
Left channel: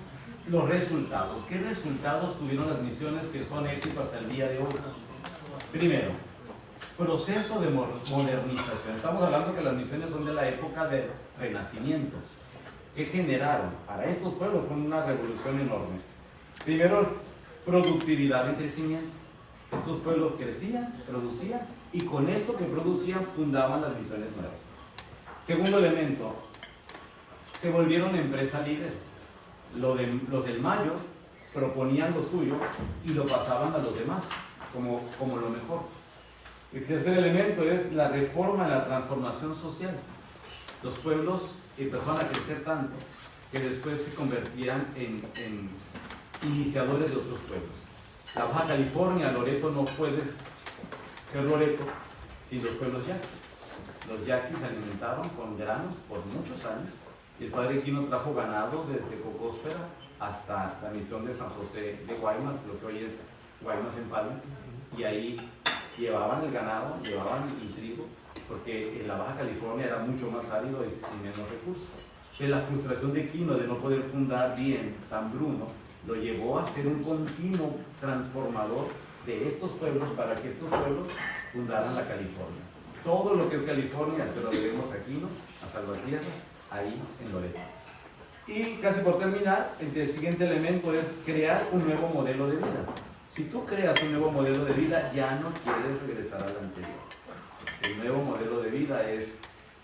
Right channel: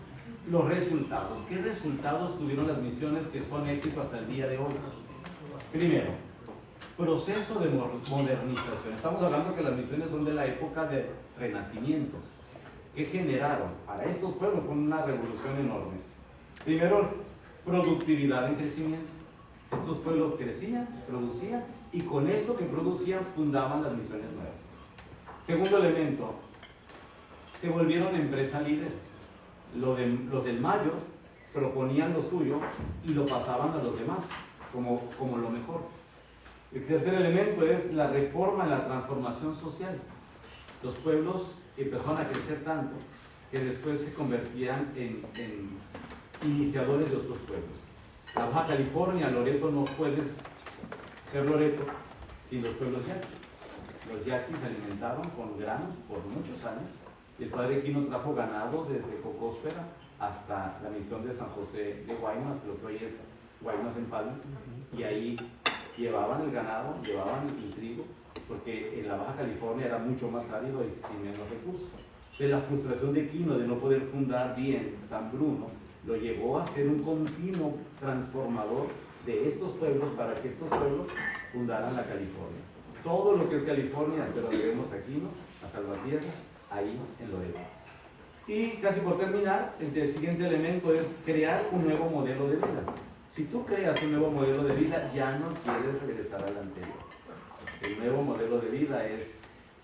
los resultados. ¿Qué resultados tuvieron las misiones que son éxito hasta el día de hoy? Primero, proceso de modernización. Estamos hablando que las misiones son de la época del Renacimiento. ¿Qué generaron? Para estos pueblos fue una revolución enorme. Primero, productividad en crecimiento. Estos pueblos crecían, producían, y con esto que producían fundaban las misiones nuevas. Segundo elemento, se volvieron empresa líder. Los del Mayo proponían lo suyo y lo pasaban a los demás como lo mejor. El tercer elemento es la reforma, la transformación social. Los pueblos empezaron a crecer tanto que después se convertían en iniciadores de otros pueblos. La Baja California, Loreto, no puede ser Loreto sin los pueblos yaquis. Los yaquis se alimentaron con granos por muchos años, y el padre Quino trajo ganado desde Cocóspera hasta la misión de San José de Guaymas, lo que hoy es Guaymas en Palma, y ahí llevaban el ganado, llevaban el trigo, porque en la Baja California era mucho más árido y sin menos recursos. De la frustración de Quino de no poder fundar bien San Bruno, lo llevó a ser un continuo transformador de estos pueblos para que estos pueblos fundaran la California. Todo lo que es California te lo debemos a Quino, a Salvatierra, ahí en Loreto. Y casi por terminar, el siguiente elemento es crear un nuevo modelo de vida. Si tú creas un nuevo modelo de vida, ya no quieres regresar al anterior. El nuevo modelo de vida es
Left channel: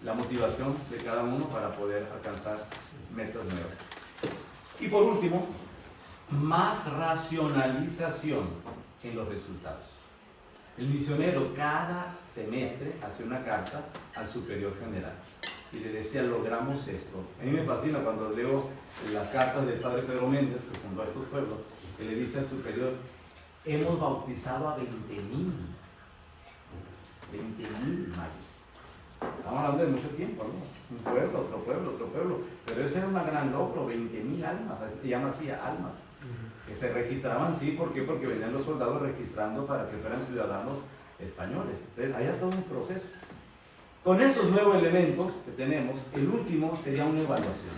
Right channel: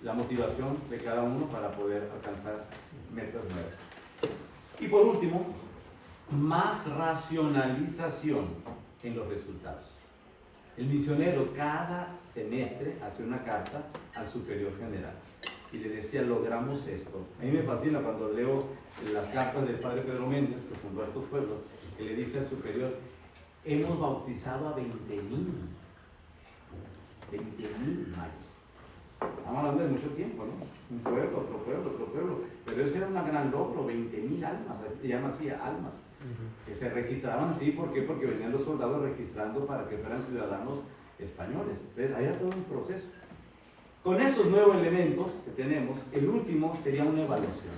la motivación de cada uno para poder alcanzar metas nuevas. Y por último, más racionalización en los resultados. El misionero cada semestre hace una carta al superior general y le decía, logramos esto. A mí me fascina cuando leo las cartas del padre Pedro Méndez, que fundó estos pueblos, que le dice al superior, hemos bautizado a 20,000 mayos. Estamos hablando de mucho tiempo, ¿no? Un pueblo, otro pueblo, otro pueblo. Pero ese era un gran logro, 20,000 almas, se llama así, almas. Que se registraban, sí, ¿por qué? Porque venían los soldados registrando para que fueran ciudadanos españoles. Entonces, había todo un proceso. Con esos nuevos elementos que tenemos, el último sería una evaluación.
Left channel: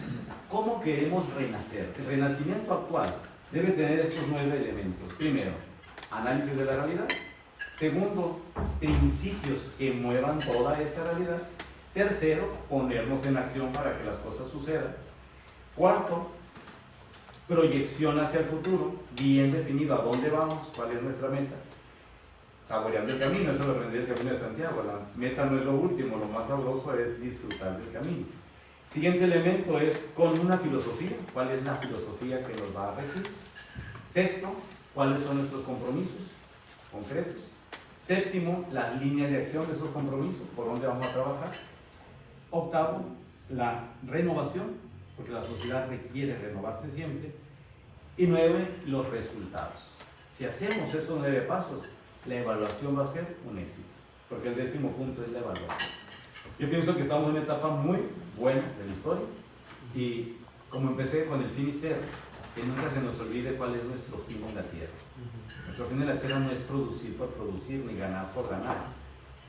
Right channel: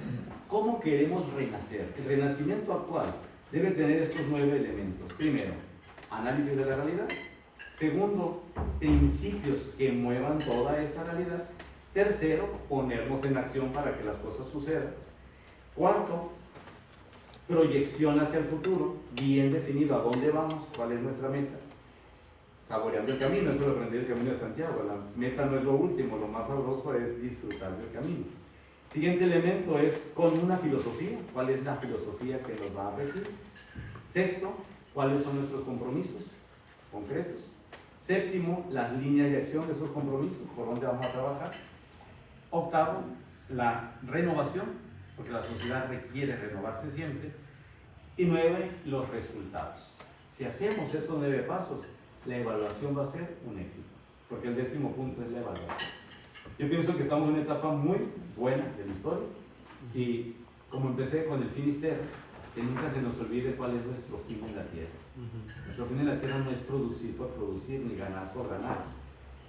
¿Cómo queremos renacer? El renacimiento actual debe tener estos 9 elementos. Primero, análisis de la realidad. Segundo, principios que muevan toda esta realidad. Tercero, ponernos en acción para que las cosas sucedan. Cuarto, proyección hacia el futuro, bien definido a dónde vamos, cuál es nuestra meta. Saboreando el camino, eso lo aprendí del Camino de Santiago. La meta no es lo último, lo más sabroso es disfrutar del camino. Siguiente elemento es con una filosofía, cuál es la filosofía que nos va a regir. Sexto, cuáles son nuestros compromisos concretos. Séptimo, las líneas de acción de esos compromisos, por dónde vamos a trabajar. Octavo, la renovación, porque la sociedad requiere renovarse siempre. Y 9, los resultados. Si hacemos esos 9 pasos, la evaluación va a ser un éxito, porque el 10.º punto es la evaluación. Yo pienso que estamos en una etapa muy buena de la historia, y como empecé con el Finisterre, que nunca se nos olvide cuál es nuestro fin en la tierra. Nuestro fin en la tierra no es producir por producir, ni ganar por ganar.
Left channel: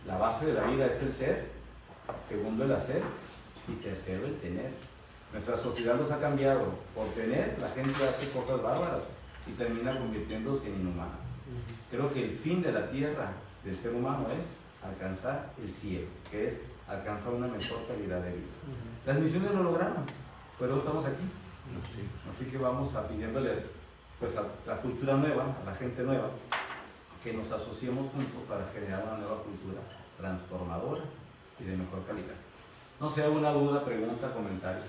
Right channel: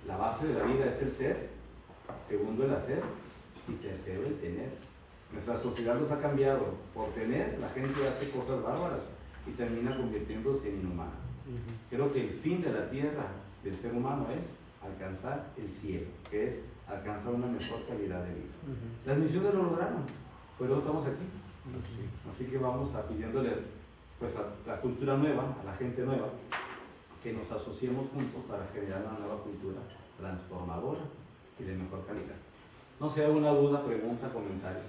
La base de la vida es el ser, segundo el hacer, y tercero el tener. Nuestra sociedad nos ha cambiado. Por tener, la gente hace cosas bárbaras y termina convirtiéndose en inhumano. Creo que el fin de la tierra del ser humano es alcanzar el cielo, que es alcanzar una mejor calidad de vida. Las misiones lo lograron, pero estamos aquí. Así que vamos a pidiéndole pues, a la cultura nueva, a la gente nueva, que nos asociemos juntos para generar una nueva cultura transformadora y de mejor calidad. No sé, alguna duda, pregunta, comentario.